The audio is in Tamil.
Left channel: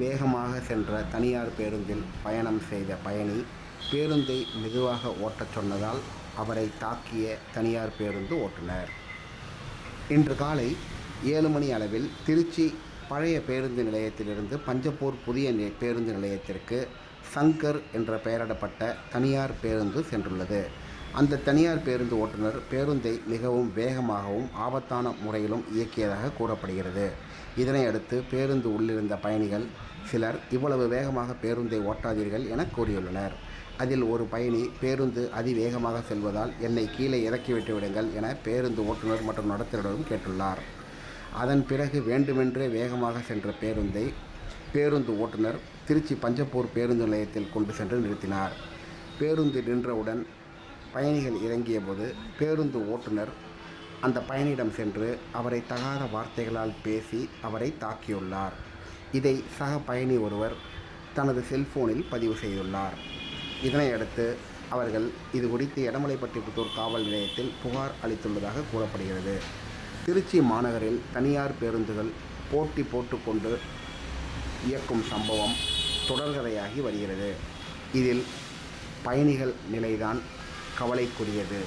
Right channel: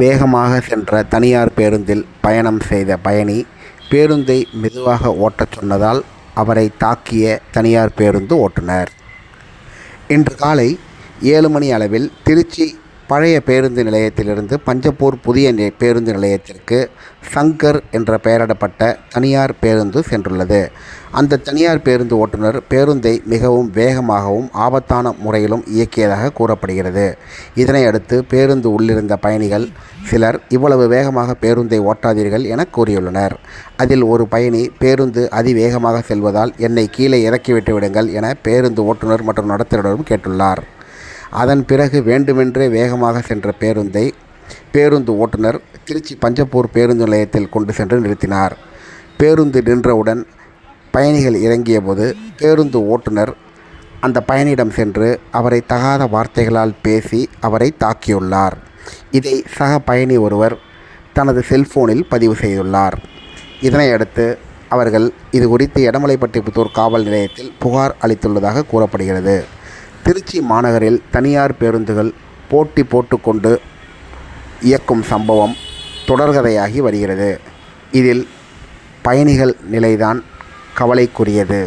வேகமாக சென்ற தனியார் பேருந்தில் பயணம் செய்த பயணி பேருந்தை மெதுவாக ஓட்டச் சொன்னதால் அவரை தாக்கிய தனியார் பேருந்து ஓட்டுநர். இன்று காலை 7 மணி அளவில் திருச்சி பழைய பேருந்து நிலையத்திலிருந்து பஞ்சப்பூர் புதிய பேருந்து நிலையத்திற்கு சங்கர் என்ற பெயரிடப்பட்ட தனியார் பேருந்து சென்றுள்ளது. அந்த தனியார் பேருந்து ஓட்டுநர் பேருந்தை மிகவும் வேகமாகவும் ஆபத்தான முறையிலும் இயக்கியதாக கூறப்படுகிறது. இதனையடுத்து பேருந்து உள்ளிருந்த பயணிகள் சிலர் இவ்வளவு வேகமாக பேருந்தை ஓட்டாதீர்கள் என கூறியுள்ளனர். அதில் ஒரு பயணி, பேருந்து அதிவேகமாக செல்வதால் என்னை கீழே இறக்கிவிட்டு விடுங்கள் என பேருந்து ஓட்டுநர் மற்றும் நடத்துனரிடம் கேட்டுள்ளார். அதன் பிறகு வேண்டுமென்றே வேகமாக சென்ற பேருந்து ஓட்டுநர் திருச்சி பஞ்சப்பூர் பேருந்து நிலையத்தில் கொண்டு சென்று நிறுத்தினார். பேருந்து நின்றவுடன் பயணிகள் இறங்கியபோது பேருந்து ஓட்டுநர் அந்த பயணியிடம் சென்று அவரை தகாத வார்த்தைகளால் பேசி அவரை தாக்கியுள்ளார். இதை சக பயணி ஒருவர் தனது செல்போனில் பதிவு செய்துள்ளார். இதனையடுத்து அவர்கள் இது குறித்து எடமலைப்பட்டிபுத்தூர் காவல் நிலையத்தில் புகார் அளித்துள்ளதாக கூறப்படுகிறது. திருச்சி மாநகரில் தனியார் பேருந்துகள் போட்டி போட்டுக்கொண்டு இயக்கும் சம்பவம் தொடர்கதையாகி வருகிறது. இதில் பயணிகள் நிலைதான் கவலைக்குரியது.